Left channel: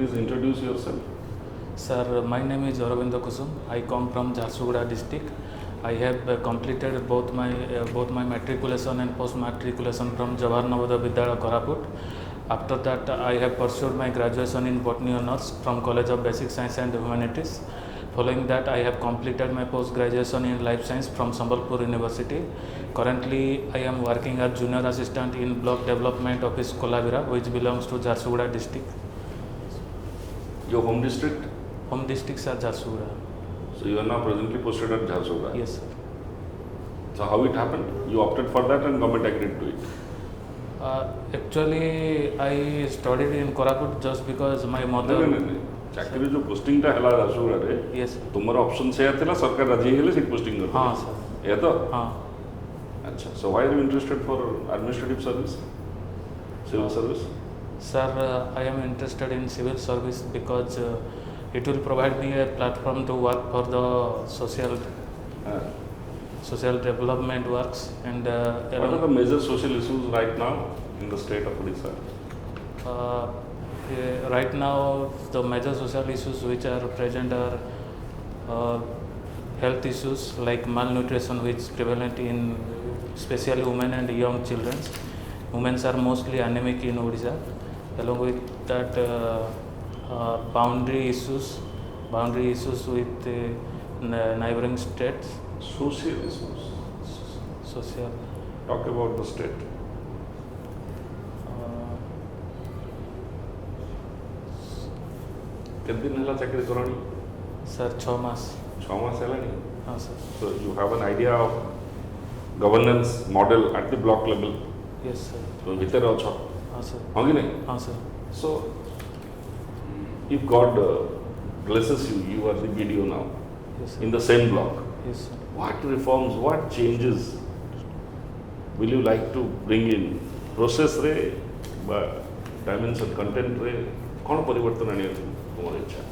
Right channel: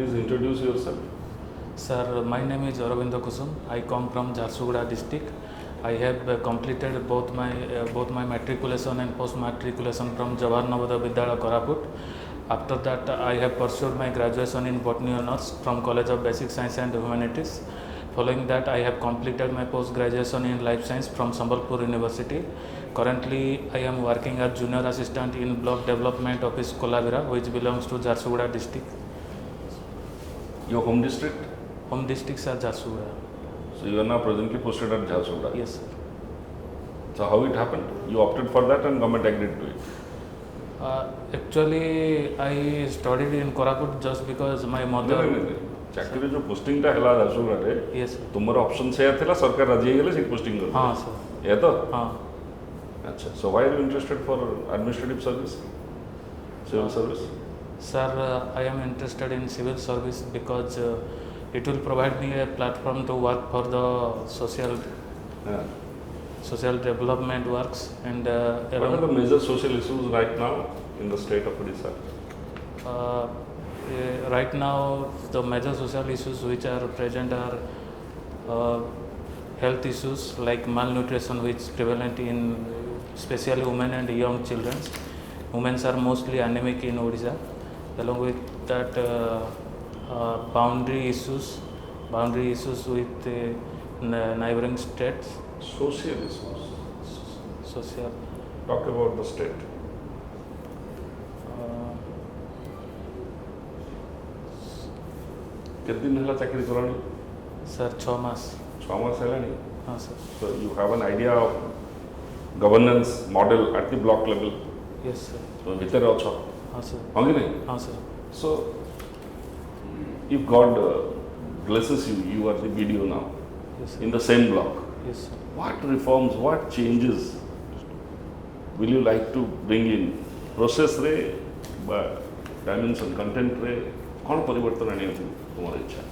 Please introduce yourself. Sir, my name is Arbinda Kusum. I come from Jharsuguda district. I have completed both my matriculation and post matriculation from Jawahar Navodaya Vidyalaya Koraput. After that, I have pursued my graduation in Botany Honours from College of Basic Science and Humanities. Following that, I have completed my post graduation in Life Science from Sambalpur University. Currently, I am working as junior assistant in Block Development Office Kolavira, which belongs to Jharsuguda district. Your home district? Home districts are Jharsuguda. So you are now presently posted at Jharsuguda? Yes, sir. So how it happened? You opted for that and government agreed to you? Actually, I studied in Koraput just because my mother. चाकरी जो posting का हला जर्सुगुड़ा रे Yes, sir. तुम्हारा option से आया था सरकार राजी है ले पोस्टिंग लो हाँ, sir. ये तो हाँ. अच्छा so why are you interested for administrative service civil service Sir, I am interested in civil service because it will provide me a platform to work for the social development works and along. What are the major social issues right now in the state of Odisha? Right now, the major social issues which are present are health issues like malnutrition, which is prevalent in especially women and young children. Women are mostly anemic in Odisha. Along with that, boundary issues with neighboring states. Social issues. Social. Talk about the state. कितनी महिला चाकरी करोगी? Sir, 6 months. 6 months है ना? हाँ, sir. So you have an idea of governance model at the block level. Yes, sir. So later also. हाँ, sir. Only हाँ, sir. So if God blesses you, you are the PDO now. Yes, sir. In the same block. Yes, sir. What reforms, what changes will you like to bring in? Process रे, dimension content रे, कौन परिवर्तन आने तुम्हारे इच्छा?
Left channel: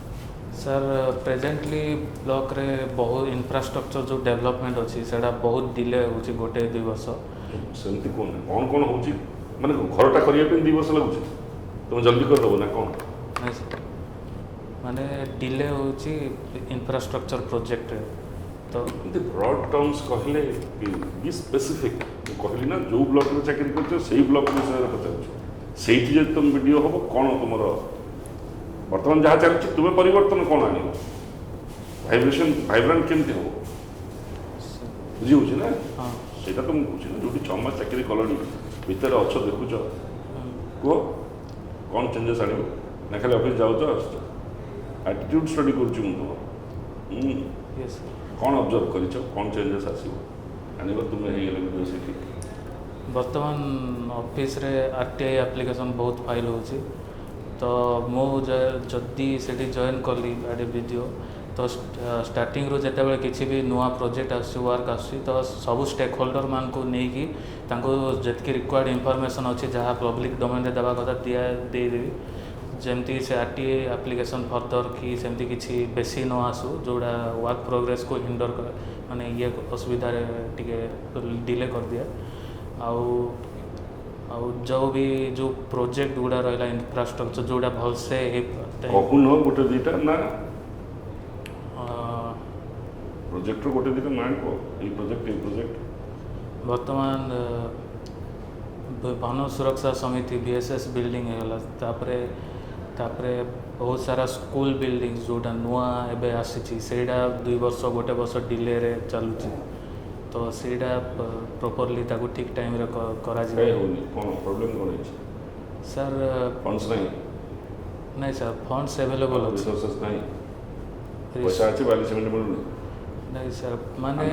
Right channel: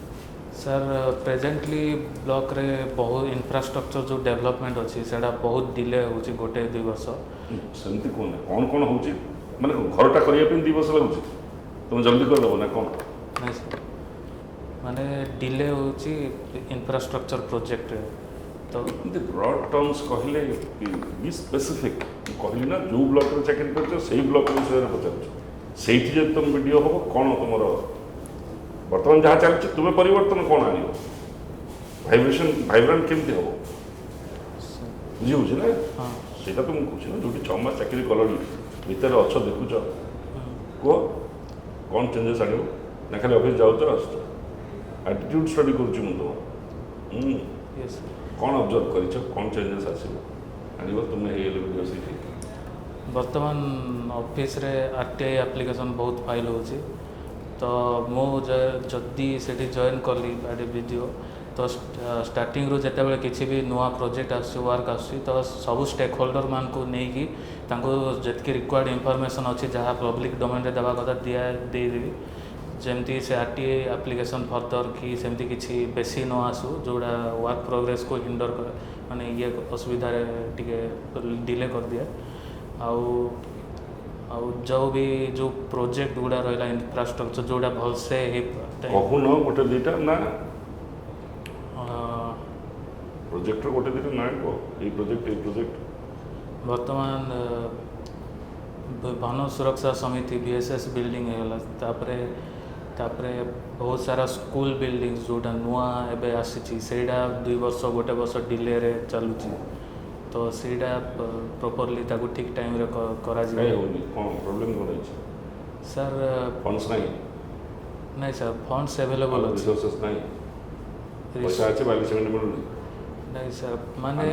Sir presently block रे बहुत infrastructure जो डेवलपमेंट अच्छी सेटा बहुत डिले होची गोटे 2 वर्ष. सेमती कौन होची? माने घरटा करिया पे 2 वर्ष लागुची. तुम जल्दी कर दो ना कौन? नहीं सर, माने डिले होची इंफ्रास्ट्रक्चर प्रोजेक्ट रे. तो ब्रॉड टर्म्स कहले बी स्पेसिफिक कहले ना जो ब्लॉक में चाकरी करछ सेही ब्लॉक में से होछ सेही जे तुम वीडियो हो कोन तुमरो वर्तमान जहाँ चाहते तुम्हें परिवर्तन कौन आने वाइब्रेंट केमती हो जी हो ना हाँ सेटा तुम जो भी 6 मास चाकरी करनी भीतर अच्छो देखुछ को कौन चेंजेस आयो ना खाली ऑफिस जाओ तो एटीट्यूड स्टडी करछ मु यस कौन ऑब्जर्व करिछ कौन चेंजेस आसी आनी बात तुमने ये कहिसे वर्तमान ऑफिस रे आरटीआई एप्लिकेशन बहुत फाइल होची. तो मो जदि से जॉइन कली आडे वीडियो तो स्टार्टिंग रो जेते बेले किछि भी नुआ प्रोजेक्ट आसी वर्क आसी तो सब स्टेक होल्डर मान को नहीं कि तांको जेतकी रिक्वायर्ड इंफॉर्मेशन अच्छी जहाँ पब्लिक डोमेन रे देबा कथा दिया दे देबी. जेमती से आरटीआई एप्लिकेशन फर्दर कि सेमती किछि बेसी न आसु जोड़ा वर्क प्रोग्रेस को हिंडर कर माने ये असुविधा रे टिके डिले कर दिया. आउ जो भी जो प्रोजेक्ट गुड़ा रहा इंफ्रास्ट्रक्चर जोड़ा भल से गोटे दिटा ना प्रोजेक्ट गोटे दिटा ना ई प्रोजेक्ट वर्तमान वन सुरक्षा समिति बीएसएस बिल्डिंग है तापरे बहुत सारा स्कूल बिल्डिंग जोटा नुआ एबे आसी सेटा 2 वर्ष गोटे वर्ष डिले रे चलुची. तो सेटा प्रॉपर्ली ताको ठीक टाइम रे करा जिवो. सर नहीं सर फंड्स अवेलेबल अच्छी नहीं सर माने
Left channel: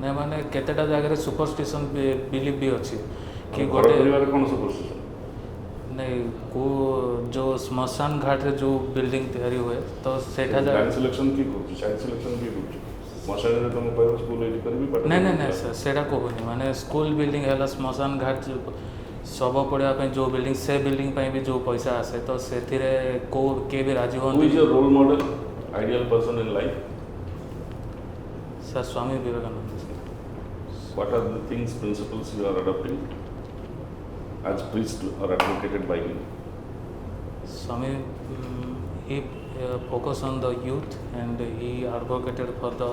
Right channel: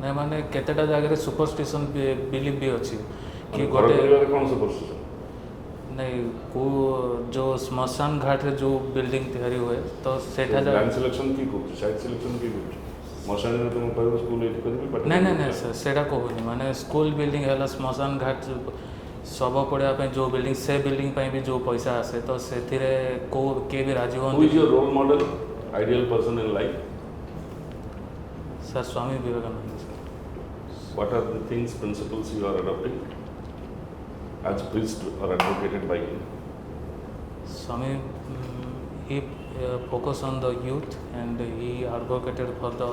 नहीं माने केतेटा जगह सुपरस्टिशन बिलीव भी अच्छी कि गोटे नहीं को जो श्मशान घाट रे जो बिल्डिंग तैयारी हुए तो सेठा जगह नहीं सर सेटा कहूनी माने स्कूल बिल्डिंग है श्मशान घाट शव पड़ा जो बिल्डिंग से बिल्डिंग भी जो पैसा आसे तो से को के भी राजी हूँ sir Swami Vivekananda sir. What are the things, principles you are adopting as priests are advocated by you? Swami, he focused on the youth, and he advocated for the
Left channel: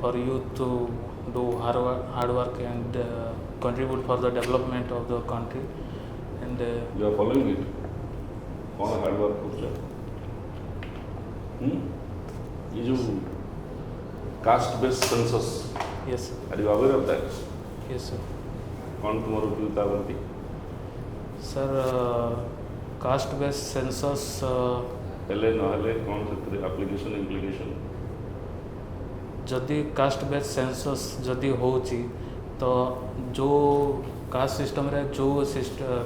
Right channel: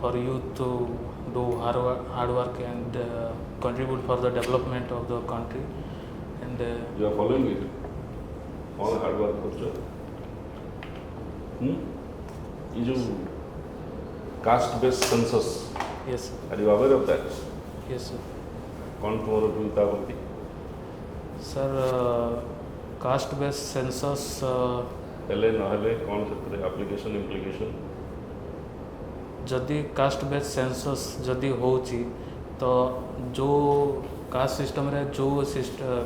for youth to do hard work and contribute for the development of the country. And You are following it? All hard work. Caste-based census. yes, sir. Are you aware of that? Yes, sir. Control. Sir, caste-based census. जदि caste based census जदि होची तो जो caste system रे जो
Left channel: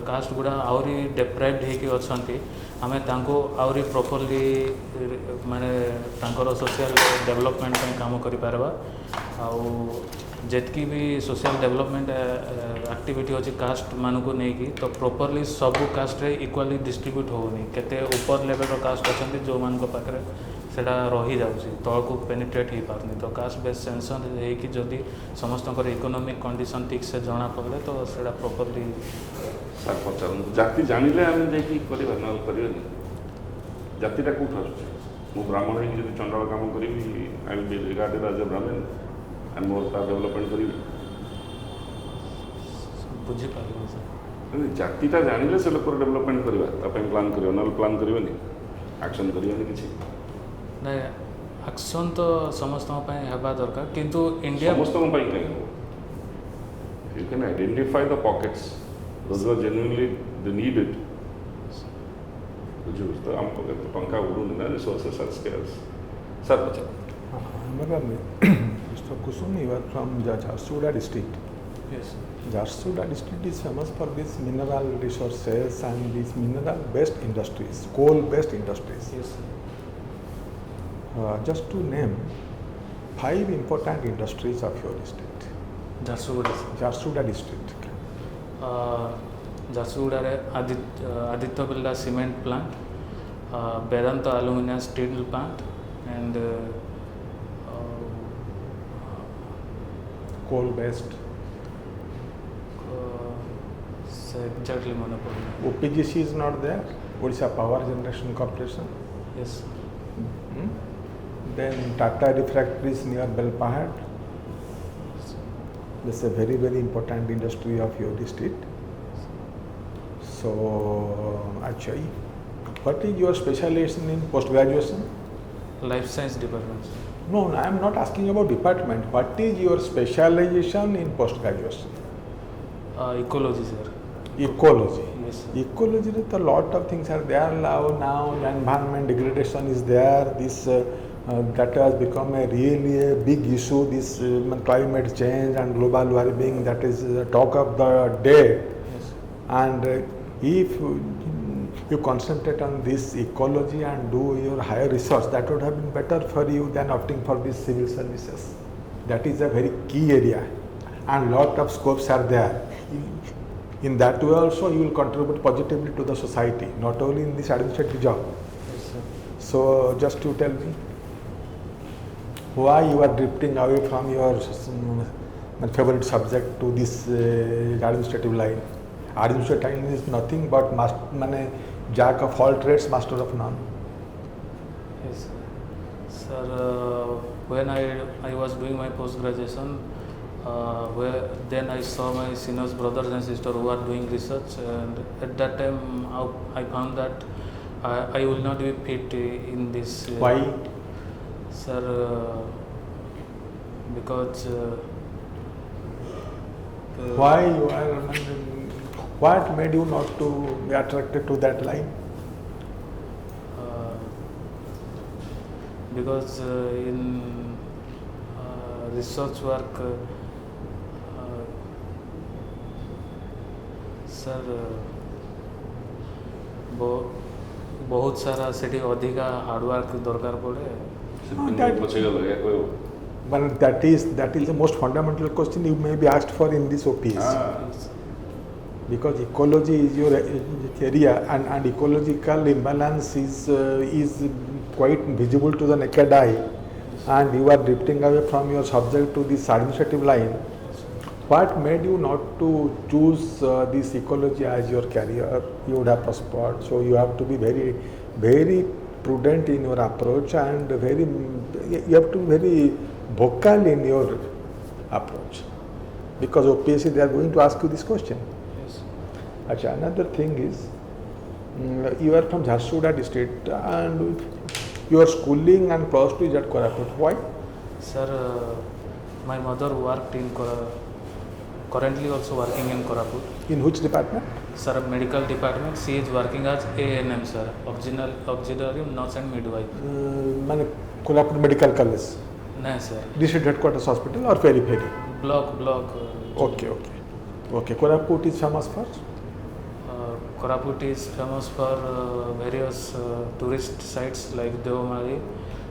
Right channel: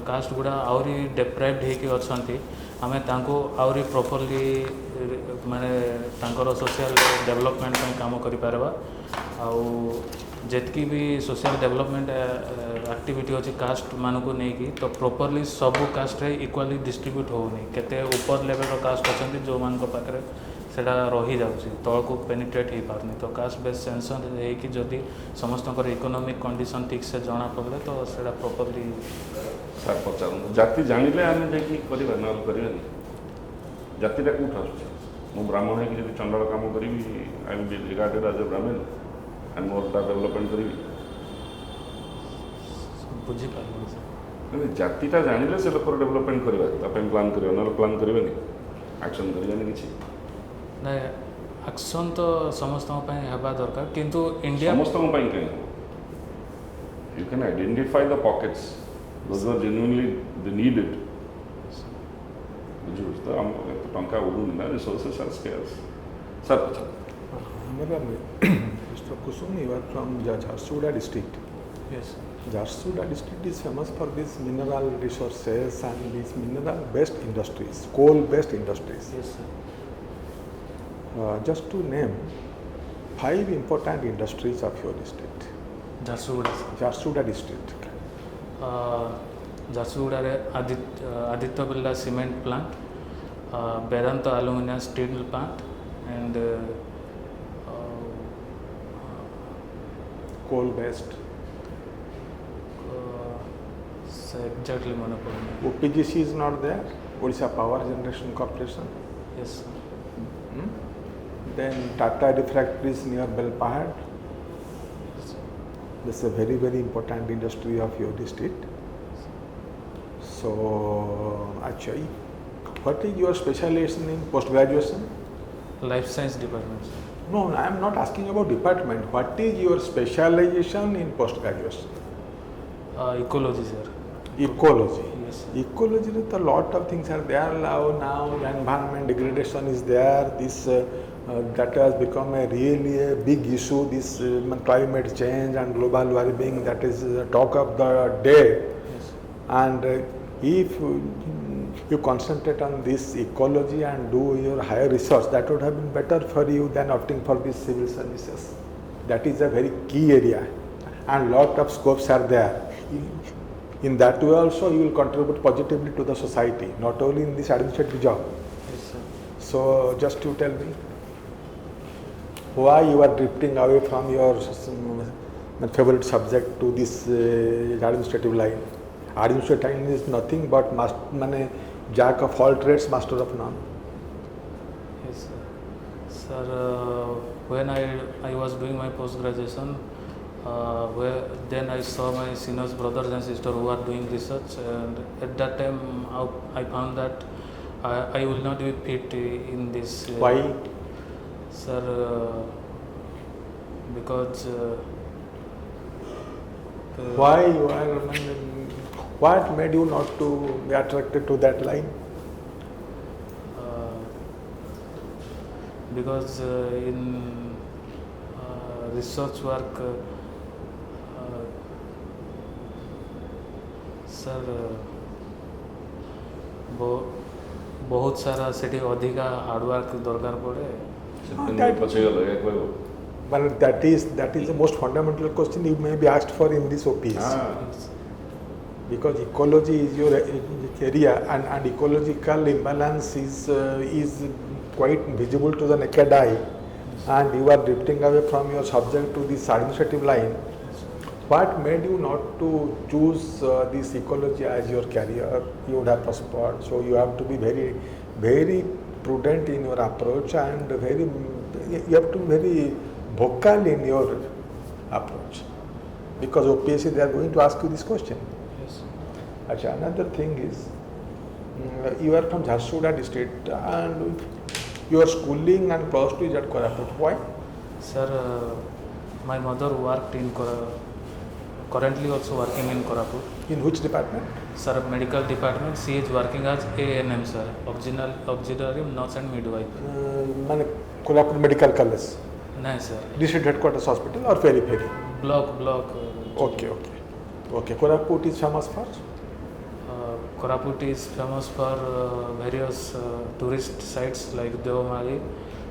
cast गुड़ा आउरी डेप्राइव्ड होके अछंती आमे तांको आउरी प्रॉपर्ली माने तांकर सोशल डेवलपमेंट ପାଇଁ काम करि पारबा आउ जेतकी भी सोशल डेवलपमेंट एक्टिविटी अछि कास्ट मानको नै कि तो प्रॉपर्ली सब कास्ट रे इक्वली डिस्ट्रीब्यूट होउनी केते ऊपर लेवल रो कास्ट अछंती जो मानको पाखरे सेटा रही जाउची तळको पेनिट्रेट ही पारनी तो कास्ट बेस्ड सेंसन है कि जदि समस्तकर इकोनॉमिक कंडीशन ठीक से जाना पड़े तो सेटा प्रॉपर्ली जाति जानिले हम नै कि करिबा न करिले जाति रे को मु ब्राह्मण है चंद्र काम करी आई जे रिगार्ड राजा ब्राह्मण एंड वो डेवलपमेंट बुझी पारलो सर जाति का जानिले से लोक डेवलपमेंट करबा अपन प्लान करबे एक्शन करबे ना एक्शन तो समस्त हेबा दरकार किंतु India You can identify the pockets those who genuinely need it. Which is the Pankha resources and skills. Sir, Mr. Kusum, you are from Jharsuguda district. yes Jharsuguda district is famous for these mineral resources and these mineral-based industries, coal-based industries. yes sir. Just to name 5 important industries of your district. Jharsuguda district. Jharsuguda रे Aditya Birla cement plant, Vedanta aluminium steel plant and Coal-based. exactly मन पड़ना. OPGC is not there. Odisha Power Generation Corporation. yes sir. Then Tata Refractories near Belpahad. This is a very, very important industry of your district. So, actually, what is your specialization in post-graduation? Life science department sir. No, I am not asking about department. What is your specialization in post-graduation? Ecology sir. Ecology. yes sir. Ecology, a lot of things are there now. Environment degradation is there. This that has become really a big issue. This climate change and global warming, that is the talk of the day. yes And if you concentrate on this ecology and do your higher research, that would have been better for you than opting for these civil services. That is a very key area, and lot of scopes are there. In that way also you will contribute positively to the society, not only in this administrative job. yes sir. So just you tell me, why you are drifting away from your favorite subject to this administrative line? Administrative line is nothing but jack of all trades, master of none. yes sir. Sir, when I was doing my post graduation, then I saw my seniors brothers and sisters who are doing research, and at that time I found that I will not be fit in this. Why? Sir, because Why you are? What made you not to be attracted to that line? because in research work, sir बहुत सारा सेठी अधिका hard work दरकार पड़े. But that is the most fundamental question you may be asked for in this OPS. Because ecology is your area, and ecological imbalance is quite visible to the naked eye, and you are drifting away from your subject to this administrative line. What made you not to choose this ecology as your career? You would have prospered. So you have to be very, very prudent in your approach and very, you have to be very vocal in your approach. Because OPSC, they are going to ask you this question. Yes. Achha, another thing is, you are from Jharsuguda district and your schooling and plus 2 is at Koraput. Why? Sir, my mother worked in currently also working in Koraput. In which department? Sir, medical department. She is working as ANM, sir, auxiliary nurse and midwife. Man, Kolhapur Medical College, No, sir. district headquarters hospital or periphery? Block. Okay. Kolhapur is famous for? Koraput is famous for various tourist sites like Devamali,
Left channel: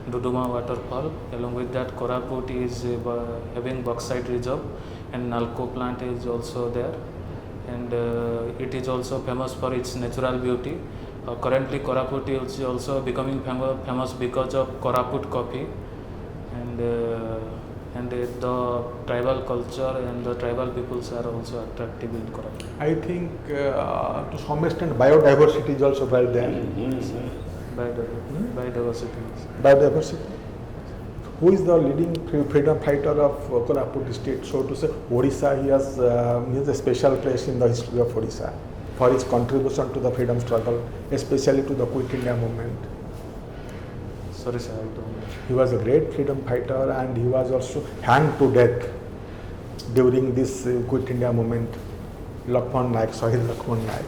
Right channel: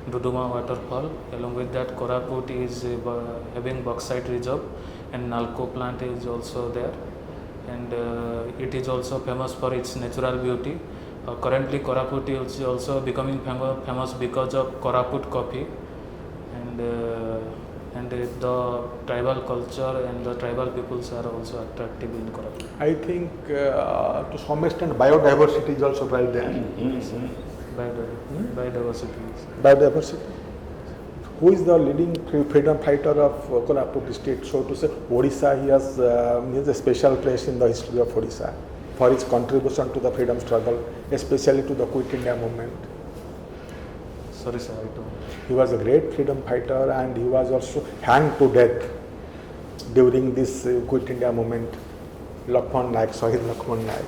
Duduma waterfall. Along with that, Koraput is having bauxite reserve and Nalco plant is also there. And it is also famous for its natural beauty. Currently, Koraput is also becoming famous because of Koraput coffee. And the tribal culture and the tribal peoples are also attractive in Koraput. I think to some extent biodiversity is also right there. Yes, sir. Biodiversity. Biodiversity. Who is the leading freedom fighter of Kolhapur district? So to say, Odisha, he has a special place in the history of Odisha for his contribution to the freedom struggle, especially to the Quit India movement. Sorry, sir, I don't know. He was a great freedom fighter and he was also hanged to death during this Quit India movement. Lakshman Naik, Shahid Lakshman Naik.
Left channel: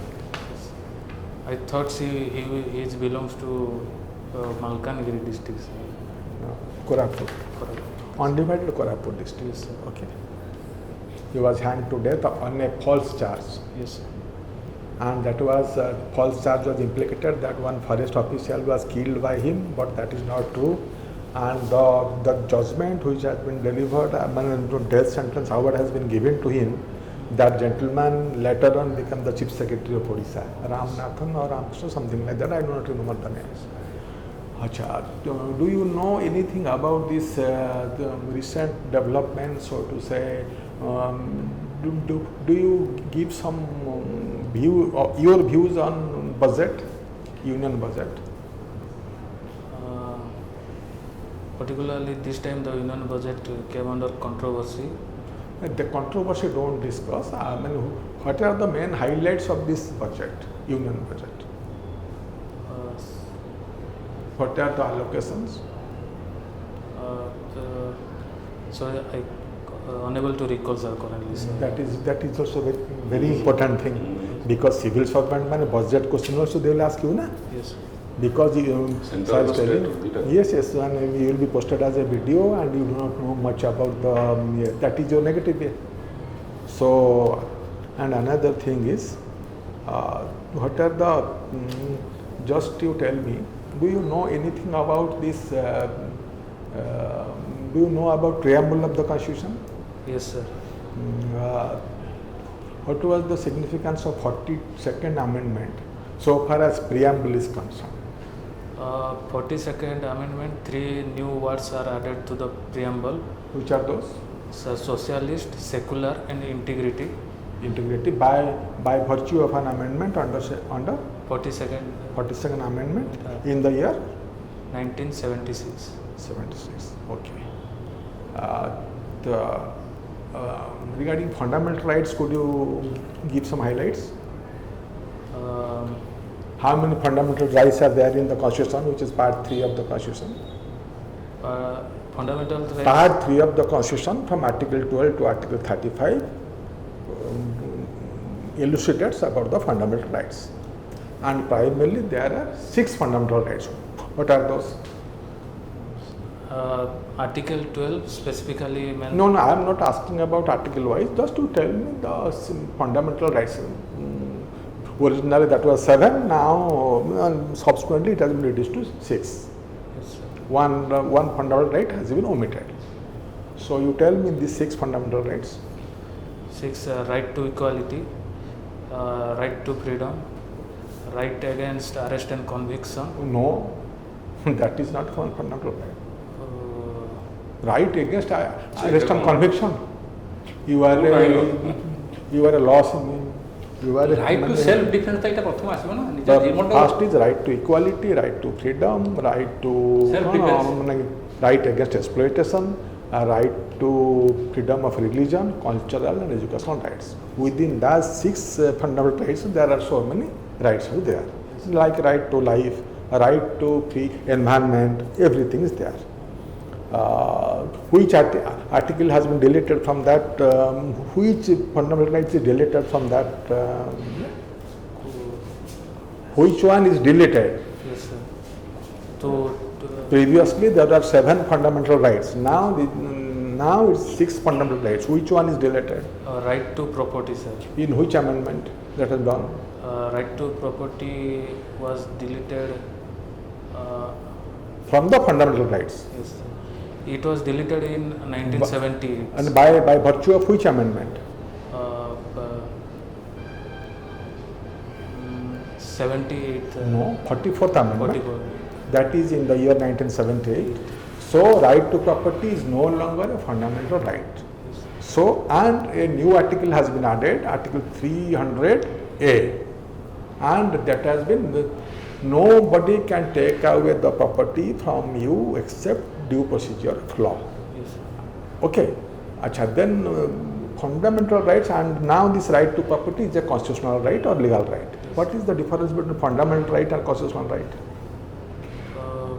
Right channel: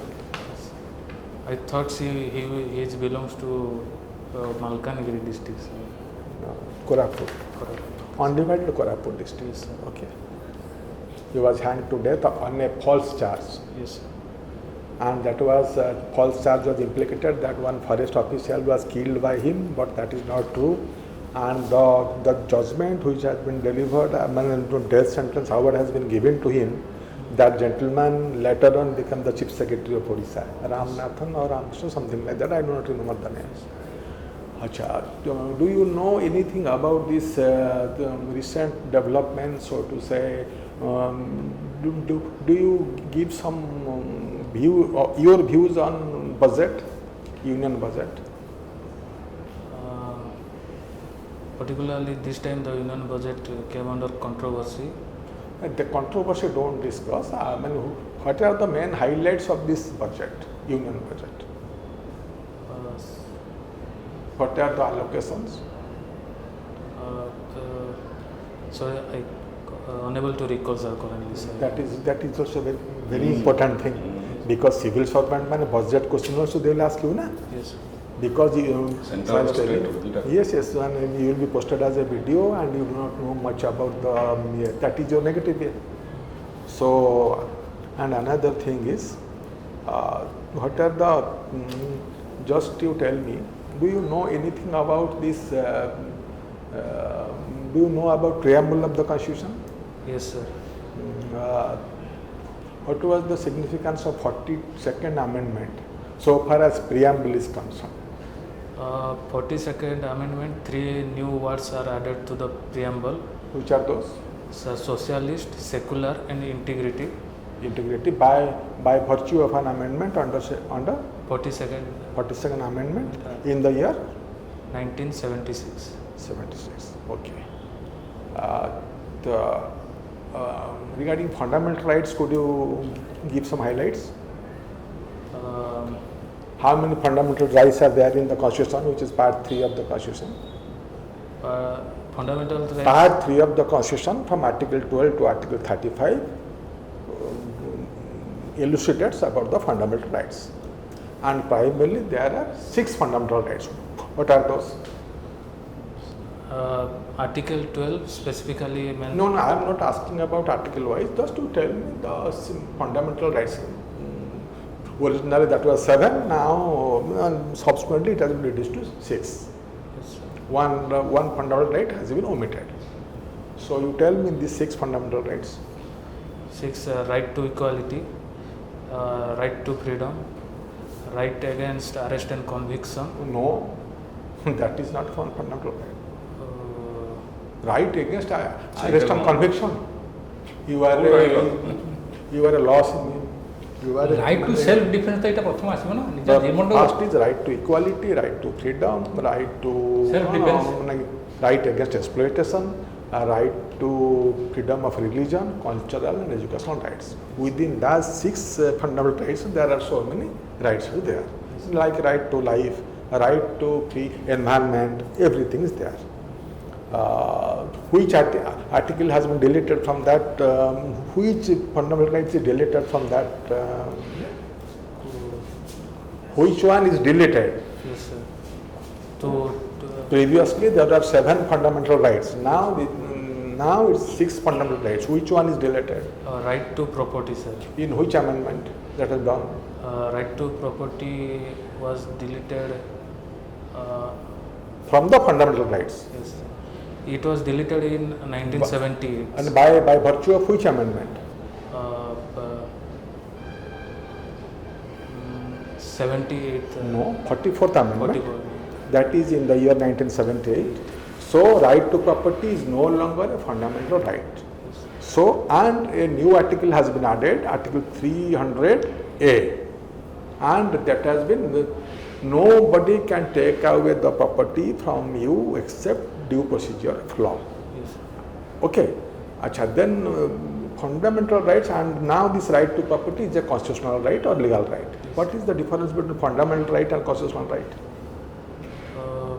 I thought he belongs to Malkangiri district, sir. No, Koraput. Koraput. Undivided Koraput district. Yes, sir. Okay. He was hanged to death on a false charge. Yes, sir. And that was false charge was implicated that one forest official was killed by him, but that is not true. And the judgment which has been delivered, death sentence, however, has been given to him. That gentleman later on became the chief secretary of Odisha, Ramnathan or Ramkrishna, something like that. I do not remember the names. Achha, do you know anything about this the recent development, so to say? Do you give some your views on budget, union budget? Particularly this time the union budget came under controversy. The controversy don't discuss. I mean, what are the main highlights of this budget, union budget? What are the allocations? Sorry, I unable to recall, sir, currently, sir. That is also very, very important thing, because civil servant man budget question also they will ask you, na? Yes. Because sir is telling, yes, and you will be posted as a video and you do not know much about the, that is your negative way. So, and another thing is, what are the, just you tell me, do you know anything about this, do you know about preamble of the constitution? Yes, sir. What was the significance of 42nd amendment so far as preamble is concerned? 42nd amendment, 3 new words are added to the preamble. Which are those? So, socialist, secular and integrity. Integrity by virtue of an amendment under 42nd amendment in the year 1976. 76. Okay. Regarding fundamental rights, could you give some highlights? How many fundamental rights are there in the Constitution, which is part 3 of the Constitution? Fundamental rights. Part 3 of the Constitution, from Article 12 to Article 35, elucidates about the fundamental rights. And primarily there are 6 fundamental rights. What are those? Article 12 specifically mentions. No, I am not asking about article wise. Just to tell me the fundamental rights. Originally that was 7. Now subsequently it has been reduced to 6. Yes, sir. One fundamental right has been omitted. So you tell me these 6 fundamental rights. 6 right to equality, right to freedom, right against arrest and conviction. No, that is not one fundamental right. Right against arrest and conviction. you are a loss. You are a right to self defense ta eta prathama asma na. but first is right to equality, right to freedom, right to right against exploitation, right to freedom of religion, cultural and educational rights. Within those 6 fundamental rights, there are so many rights there. Like right to life, right to free environment, everything is there. Which article has been deleted from that? Which fundamental rights is deleted from that? Which one is deleted? Yes, sir. To Previously there were 7 fundamental rights. Now it's 6 fundamental rights. Which one is deleted? right to property, sir. In which amendment that has done? Right to property was deleted. From the fundamental rights. Yes, sir. It was deleted in 1970. And by virtue of which amendment? 78. No, 44th amendment. 44. That is in the year 1978. So right to property is no longer a fundamental right. Yes. So, and a new article has been added, Article 300A, and that has been, nobody can take away the property from you except due procedure of law. Yes, sir. Okay. Acha, then fundamental rights, and now this right to property is a constitutional right or legal right. Yes. What is the difference between fundamental right and constitutional right? Uh,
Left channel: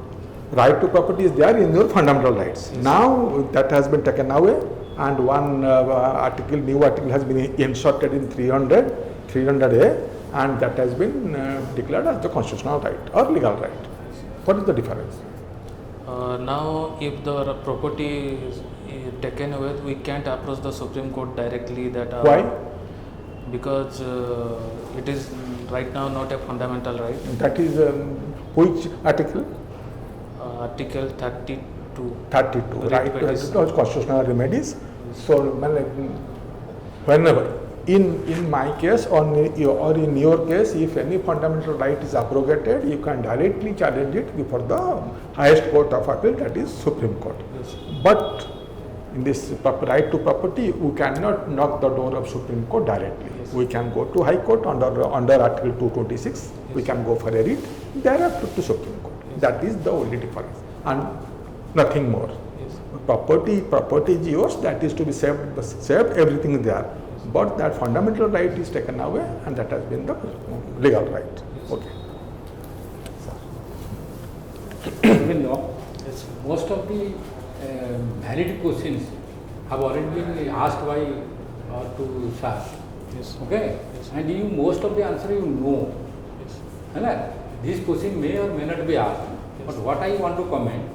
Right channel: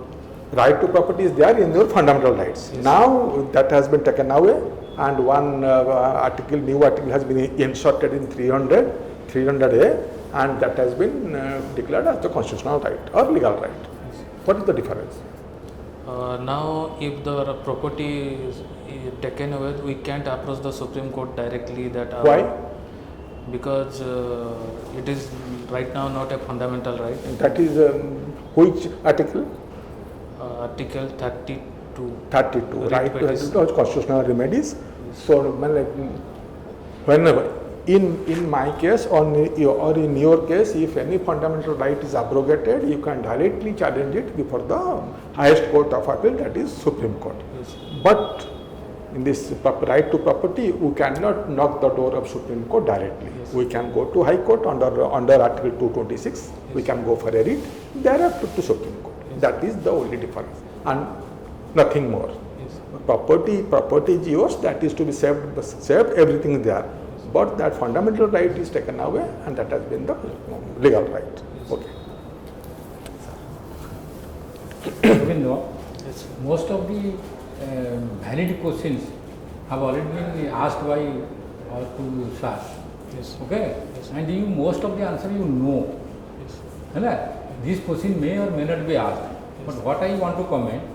Right to property is there in your fundamental rights. Yes. Now that has been taken away, and one new article has been inserted in 300A, and that has been declared as the constitutional right or legal right. yes. What is the difference? Now, if the property is taken away, we can't approach the Supreme Court directly. That Why? Because it is right now not a fundamental right. That is which article? Article 32. 32. Right to Remedies. constitutional remedies. So, whenever, in my case or in your case, if any fundamental right is abrogated, you can directly challenge it before the highest court of appeal, that is Supreme Court. Yes. But in this right to property, we cannot knock the door of Supreme Court directly. Yes. We can go to High Court under Article 226. We Yes. can go for a writ, thereafter to Supreme Court. Yes. That is the only difference, and nothing more. Yes. Property is yours, that is to be saved, everything is there. But that fundamental right is taken away, and that has been the legal right. Yes. Okay. Yes, sir. Most of the valid questions have already been asked by to sir. Yes. Okay? Yes. And you most of the answer you know. Yes. Right? This question may or may not be asked. Yes. But what I want to comment,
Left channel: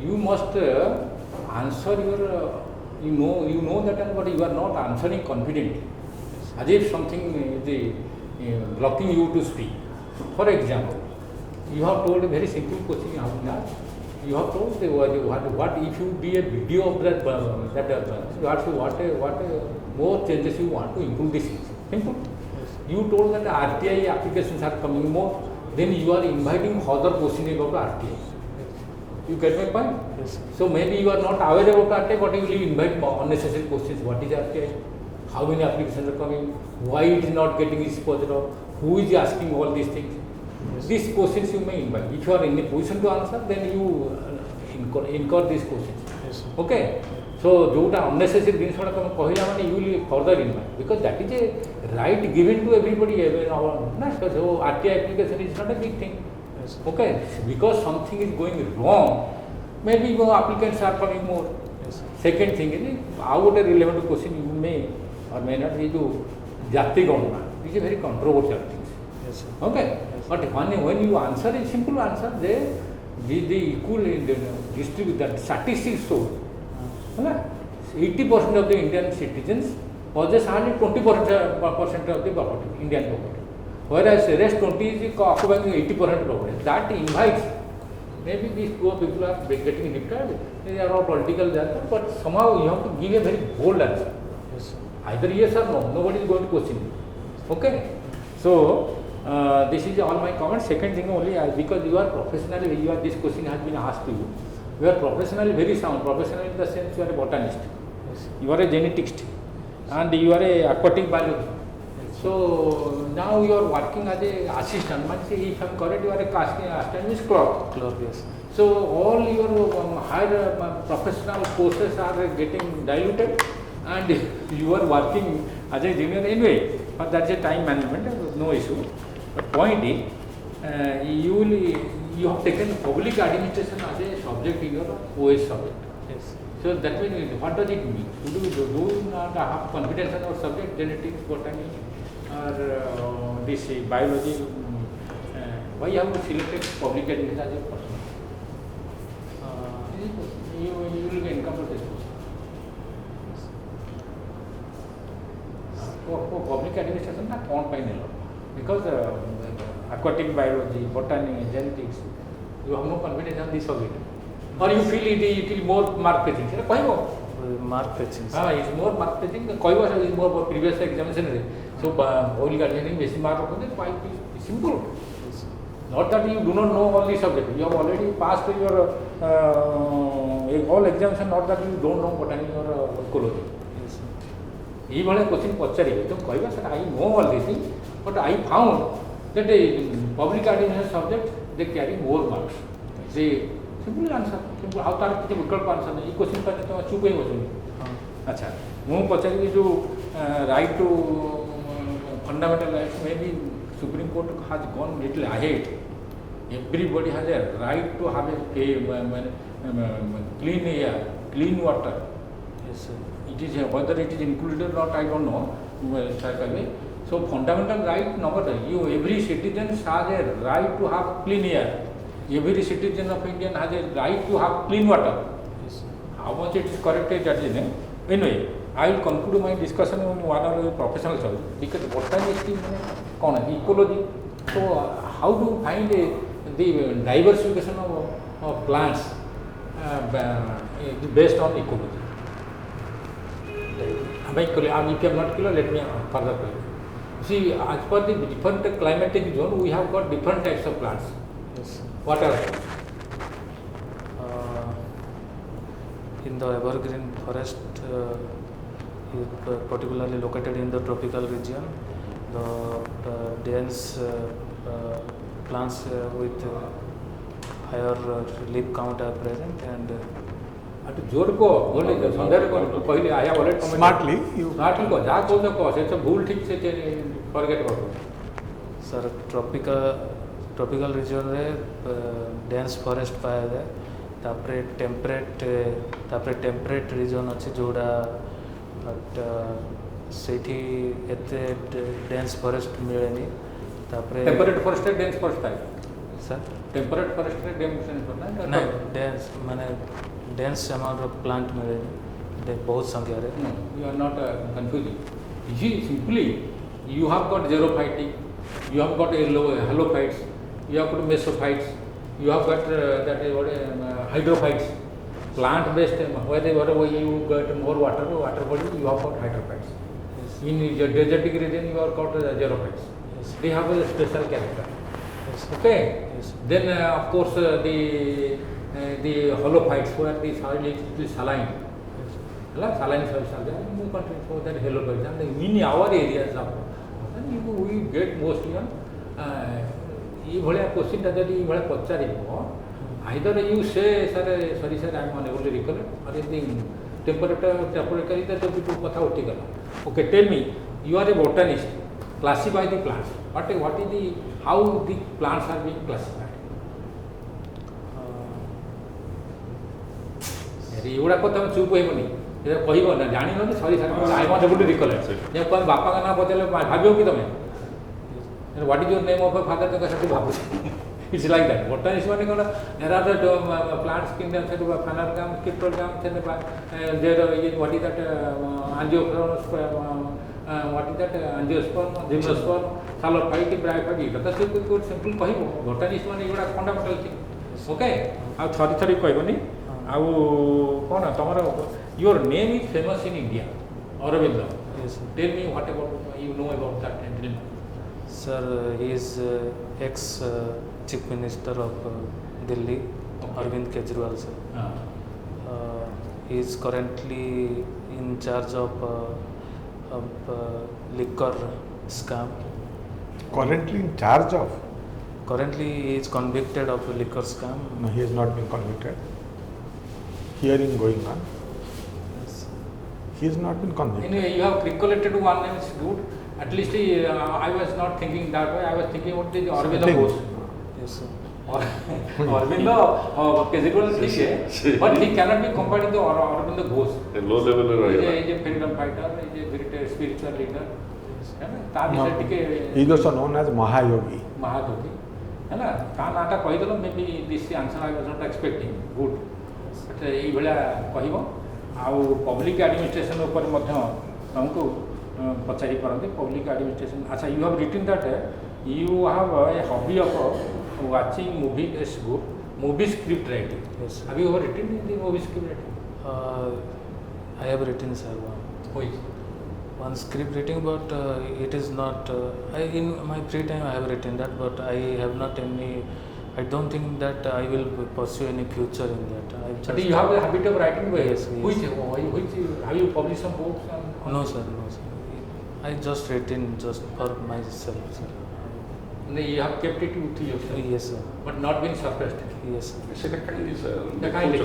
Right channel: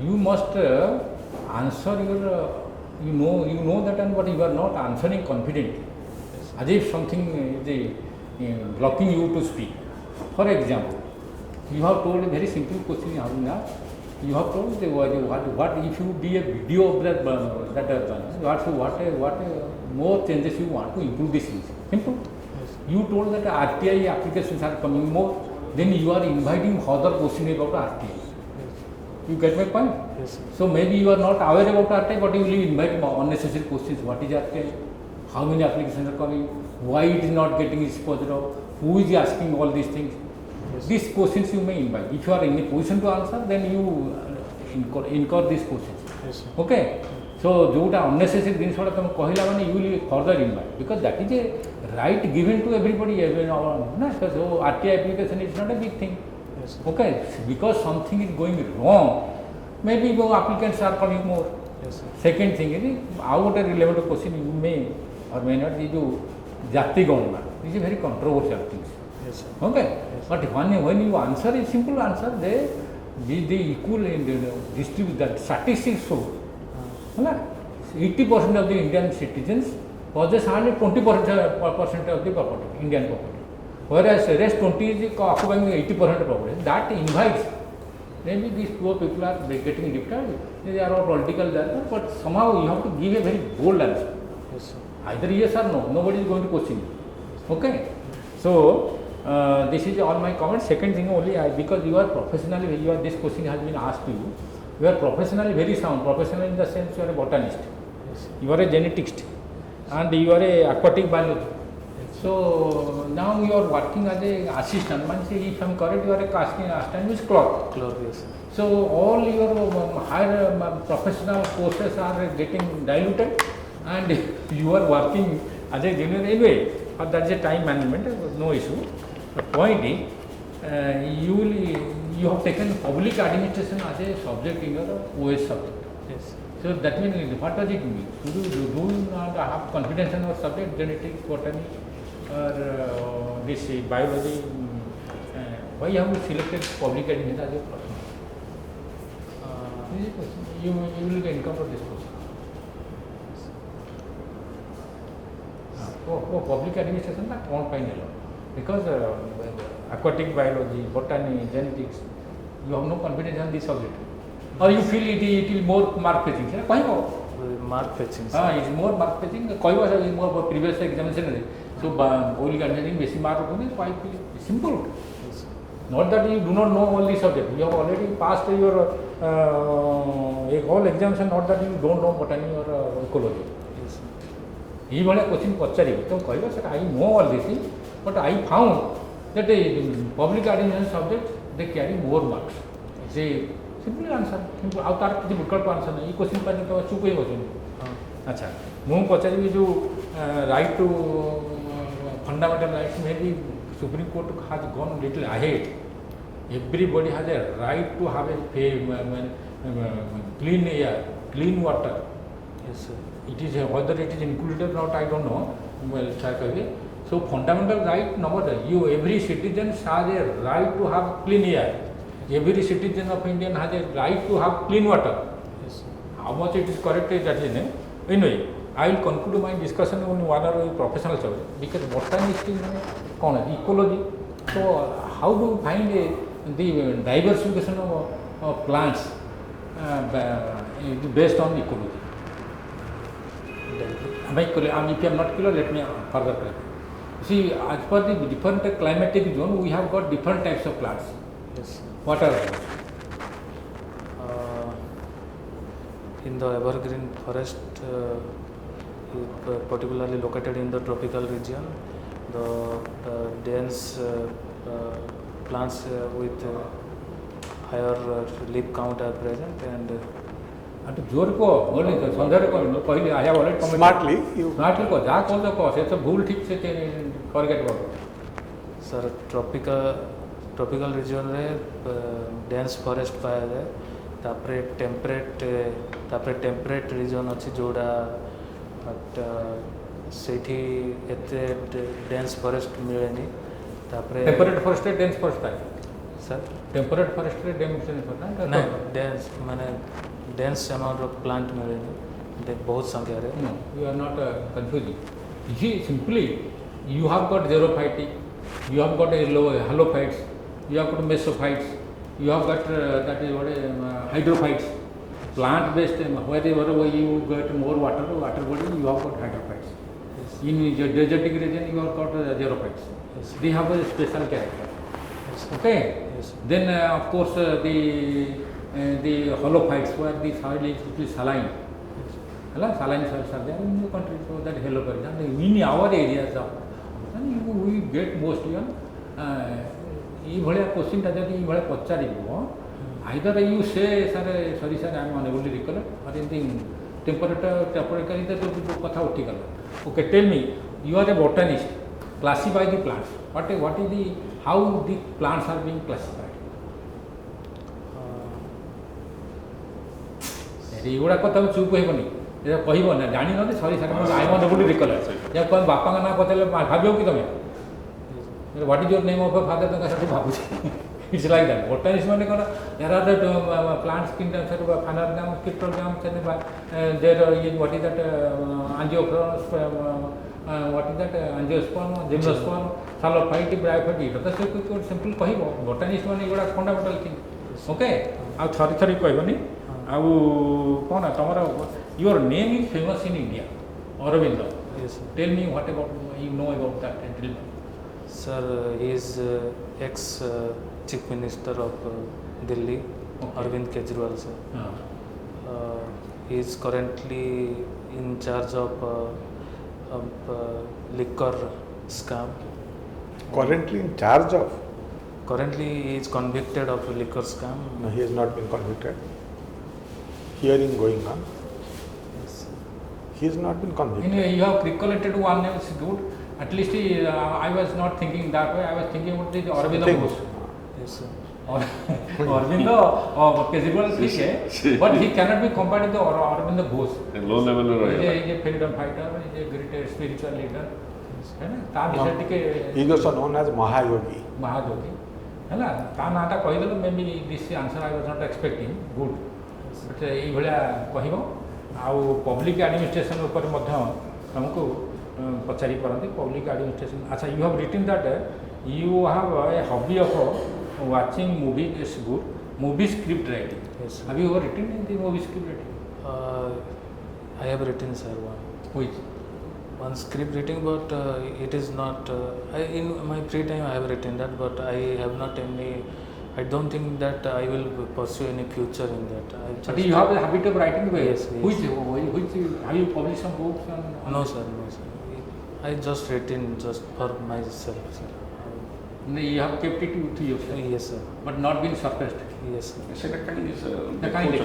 you must answer your, you know that, but you are not answering confidently. Yes. As if something is blocking you to speak. For example, you have told a very simple question, Arbinda. You have told what if you be a video of that, what more changes you want to improve this. Yes. You told that RTI applications are coming more, then you are inviting further questioning about RTI. Yes. You get my point? Yes, sir. So maybe you are not aware about RTI, but you will invite unnecessary questions. What is RTI? How many applications are coming? Why it is not getting its positive? Who is asking all these things? Yes. These questions you may invite. If you are in the position to answer, then you incur these questions. Yes, sir. Okay? So, जोटा unnecessary things वाला तुम कह जाओ ना, you will further invite, because that is a right given to everybody. ना जो RTI application is not a big thing. Yes, sir. Okay? Because something is going wrong, maybe the applicants are coming more. Yes, sir. Second thing is, out a relevant question you may or may not be to jati government. It is a very controversial. Yes, sir. Okay? Yes. But when you answer a simple answer, they equal in the history, the statistics show. 80% of the Indian citizens possess only 20% of the property, Indian property. Whereas the rest 20 is occupying 80% property. That invites, maybe these poor people are getting deprived. They are all political answers, but somehow you have to give a very bold answer. Yes, sir. Either yes or no, nobody is going to question you. Okay? So, this is all my comments. Second thing over here, because you are professionally, this question has been asked to you. You are professionally very sound, professional in the sense you are a botanist. Yes, sir. You are a geneticist. and you are a aquatic biologist. So now you are working as a assistant. Means if I am correct, you are a casting assistant is clerk. Clerk, yes. So all your higher professional courses are getting diluted, and you are working as a junior anyway. But that's a time management, no issue. Point is, you have taken public administration as a subject in your OAS subject. Yes. So that means what does it mean? You do not have confidence in your subject, genetics, botany, or this biology. Why you have selected public administration as a you will be encountered this. For public administration, कौन पाएंगे? Because aquatic biology, botany, genetics, you have no confidence on this subject. Or you feel it will more mark fetching. Why go? Mark fetching. It's more mark fetching. कोई बार is more previous examination. So oil gardening basic mark होते हैं. Why simple? Yes. Not that you do not know all these subjects. You have already passed your all examination. Not that you don't know botany or ecology. Yes. Even a question I know all these things, but I found that a public administration subject they carry more marks. Say simple answer. How that difficult parts are. This question पर तो चुके हो गए. अच्छा. मैं पता नहीं जो right to fundamental rights maybe Supreme Court has gone little ahead. Everybody has a right to have a clean air, clean water. Yes, sir. It is whether it is included or not, I don't know. So fundamental right number you every citizen has a right to have clean air. Every citizen of India has a right to have clean water. Yes, sir. How much it is correct is that is anyway. I will conclude my discussion on one of the professional subject because botanist is ecology. So how to find the diversification of plants based on ecology? You cannot let me further. See, as per the different climatic zone, we have got different types of plants. Yes, sir. What are those? In the evergreen forest, particularly located in the tropical region, the dense plants with higher leaf count are present, and Smartly, you. sir, tropical region रे dense forest पाया जाए. तापरे temperate region अच्छी जोड़ा सेठी एते dense forest मिले नहीं. तापरे temperate forest dense forest sir temperate forest dense नहीं dense माने dense amount of plant मिले नहीं. बहुत संख्या रे. No, you are not confusing. You see, simply you have got xerophyte, you have got halophytes, you have got mesophytes, you have got that is what hydrophytes. Plant based, wherever you get more water body, you have got hydrophytes. Yes. In the desertic region, you have got xerophytes. Yes. They have a special character. Yes. Okay. Yes. Then of course the holophytes were the soil is saline. Saline soils are there. You continue to that halophytes. In our areas, we get mostly ये भले question जाते हैं ये भले पचारे either you say sorry sir I am unable to recollect or anything temporarily that people कथा उठी गया. Okay, tell me, you are a botanist. Classify the plants. What is the how the plants are being classified? ये बड़ा कथा में चुप ही बनी. ये वही बना जानी ना sorry sir I am unable to recollect. जब कोई बापा का नाम बदले भाग्य होगी तो what is your name of a father तो कैसे भागुची. It's like that. Botanist में क्या there are the plants kingdoms है वो phanergam, cryptogam, there are what is that angiosperm, what is that angiosperm, gymnosperm, phalophyte, bryophyte. तो सब कुछ simple कहीं botanist में ये बड़ा fundamental थी. Okay. अब छात्र कहीं नहीं. अब कौन है हमारा your name is famous in India. Arbinda. Yes. Tell me what about you know about that. Sir, he is ex Chief Minister of Delhi, Arvind Kejriwal sir. He is currently in charge of liquor scam. Currently in charge of? Currently, he is convicted of a liquor scam. No, he has not been convicted. Hearing going on. Yes. He has not been convicted. Anyway, you have recollected one that is good. At least I was not thinking that way. I was thinking about the Arbinda Kusum. Yes, sir. Arbinda capable is but he cannot be compared to Arbinda Kusum. low level He is a freedom fighter. He is a great spiritual leader. No, he is also known as Mahayogi. Mahayogi. है ना ता नाटा कहिदलो maybe this answer I was not expecting good एई भला कहिबो आ public administration ऊपर मध्य हमको पचारि परंती पब्लिक एडमिनिस्ट्रेशन अच्छा you have written that you have a hobby of watching movie is good movie script writing Yes, sir. Have you written the movie script writing I have written, sir, one script writing, but it is not. In my free time, I have written that, but I have not any. I don't think that I will pursue any future in that. I just. you have the habit of writing well. Yes, yes. Which have you published some books and No, sir, no, sir. I just written just for myself, sir. you have kept it with you Yes, sir. but not been suppressed. Yes, sir. second is The kind of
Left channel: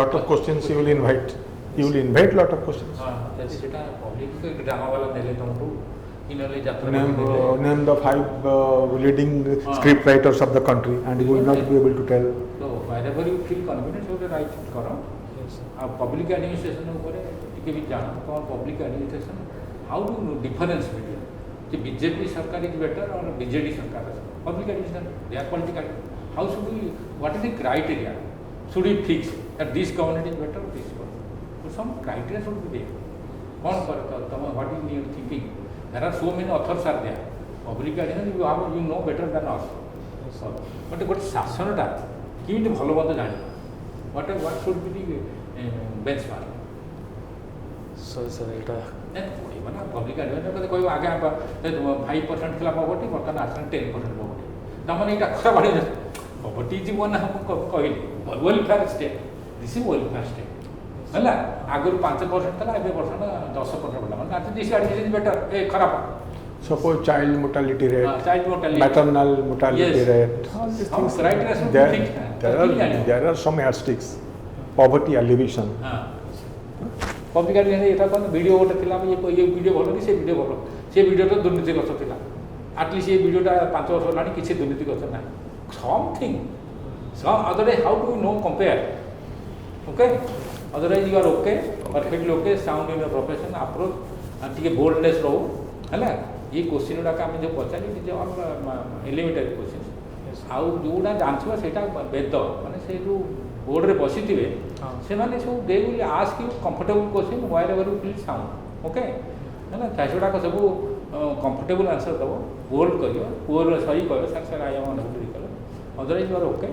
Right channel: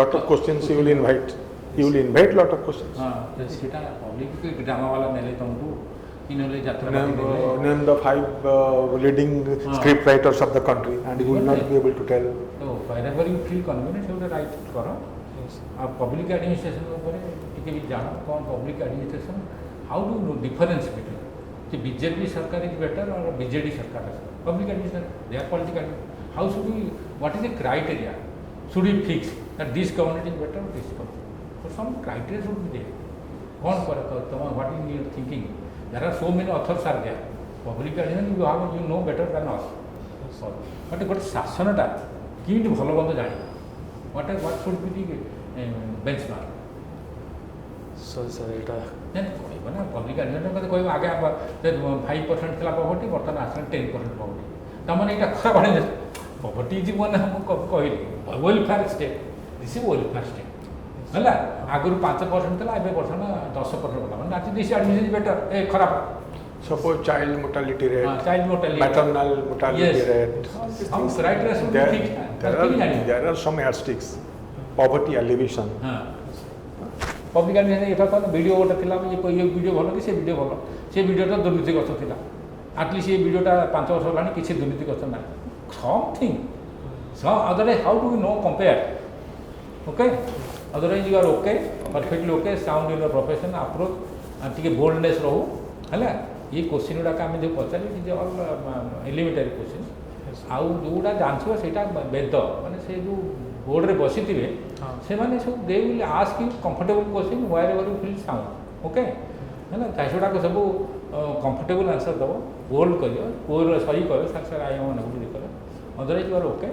Lot of questions he will invite. He will invite lot of questions. Yes, sir. public drama wala mele tongu inole jatra Name the 5 leading script writers of the country, and he will not be able to tell. no whenever you feel confident you can write it karo Yes, sir. public administration upare ଟିକେ ଜାଣ କଣ public administration how do you difference between the BJP sarkar is better or BJD sarkar public administration they are political how should we what is the criteria should we fix that this government is better or this government so some criteria should be there what is your thinking there are so many authors are there public administration you know better than us Yes, sir. but ଶାସନଟା କିନ୍ତି ଭଲ ମନ୍ଦ ଜାଣିବ what should be the benchmark Sorry, sir. It. Public administration କଥା କହିବ ଆଗେ 5% ଥିଲା poverty ବର୍ତ୍ତମାନ ଆସିଲା 10% ପଭର୍ଟି ତାମାନେ ଏଇଟା କଥା ବଢ଼େଇ ପଭର୍ଟି ଯିବ ନା କହିଲି welfare state this is welfare state ହେଲା ଆଗରୁ 5% ଥିଲା ଏବେ ବର୍ତ୍ତମାନ 10% କଲା ନାତି ଦିସ୍ ଆଡମିନିଷ୍ଟ୍ରେସନ ବେଟର ଏ ଖରାପ Suppose child mortality rate, child mortality, maternal mortality Yes. rate, all these things. Right, There are some yardsticks. Poverty alleviation. Public administration ଏଇଟା video ଗୋଟେ ଥିଲା ଏ ଭିଡ଼ିଓ ଭଲ କି ସେ ଭିଡ଼ିଓ ଭଲ ସେ ଭିଡ଼ିଓଟା ଦୁର୍ନୀତିଗ୍ରସ୍ତ ଥିଲା ଆଟଲିଷ୍ଟ ସେ ଭିଡ଼ିଓଟା 5 ବର୍ଷ ହେଲାଣି କିଛି ଦୁର୍ନୀତିଗ୍ରସ୍ତ ନାହିଁ something some otherwise how do you know compare okay otherwise you are okay perfectly okay sound your profession approach and ଟିକେ boldness ରହୁ ହେଲା ये क्वेश्चन ଗୁଡ଼ାକ ଆମେ ଯେଉଁ ପଚାରିଲେ ଡିଲିମିଟେଡ୍ କ୍वेଶ୍ଚନ ଆଉ ଯେଉଁଟା ଆନ୍ସର ସେଇଟା ବେଦ ମାନେ ସେ ଯେଉଁ ବୋର୍ଡ଼ରେ ବସିଥିବେ ସେମାନେ ସବୁ they will ask you comfortable question wherever you feel sound okay ହେଲା ତାଗୁଡ଼ାକ ସବୁ କମ୍ଫର୍ଟେବଲ୍ ଆନ୍ସର ଦେବ ବୋଲ୍ଡ କରିବ ବୋର୍ଡ଼ରେ ସହି କରେ ତାଙ୍କ ରାୟମାନ ସବୁ କରେ otherwise your okay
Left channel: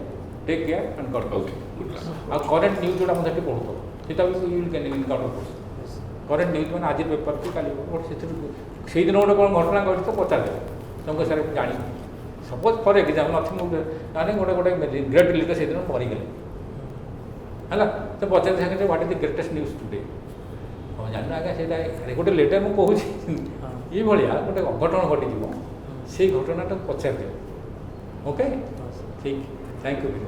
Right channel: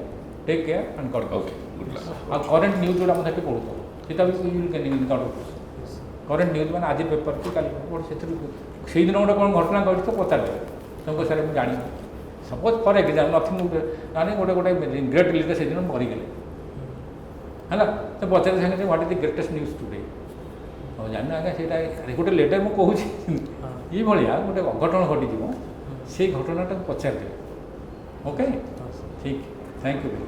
take care and cut out ଆଉ କରେଣ୍ଟ ନ୍ୟୁଜ୍ ଗୁଡ଼ା ମଧ୍ୟ ପଢ଼ୁଥିବ ଏଇଟା ବି କରେଣ୍ଟ ନ୍ୟୁଜ୍ ମାନେ ଆଜି ପେପର୍ କାଲି ପେପର୍ ସେସବୁ ସେଇଦିନ ଗୋଟେ କ'ଣ ଘଟଣା ଘଟିଥିବ ପଚାରିବ ସବୁ ସାର୍ ଜାଣି ସପୋଜ୍ କରେ କି ମାନେ ଗୋଟେ ଗ୍ରେଟ୍ ଲିଡର ସେଦିନ କରିଦେଲେ ହେଲା ତ ପଚାରି ସାରିଲେ what is the greatest news today ଆଉ ଜାଣି ଆଜ୍ଞା ସେଇଟା ଗୋଟେ ଲେଟର୍ ମୁଁ କହୁଛି ଏଇଭଳିଆ ଗୋଟେ ଅଘଟଣ ଘଟିଥିବ ସେଇ ଘଟଣାଟା ପଚାରିବେ ଓକେ ଠିକ୍ ଥ୍ୟାଙ୍କ ୟୁ।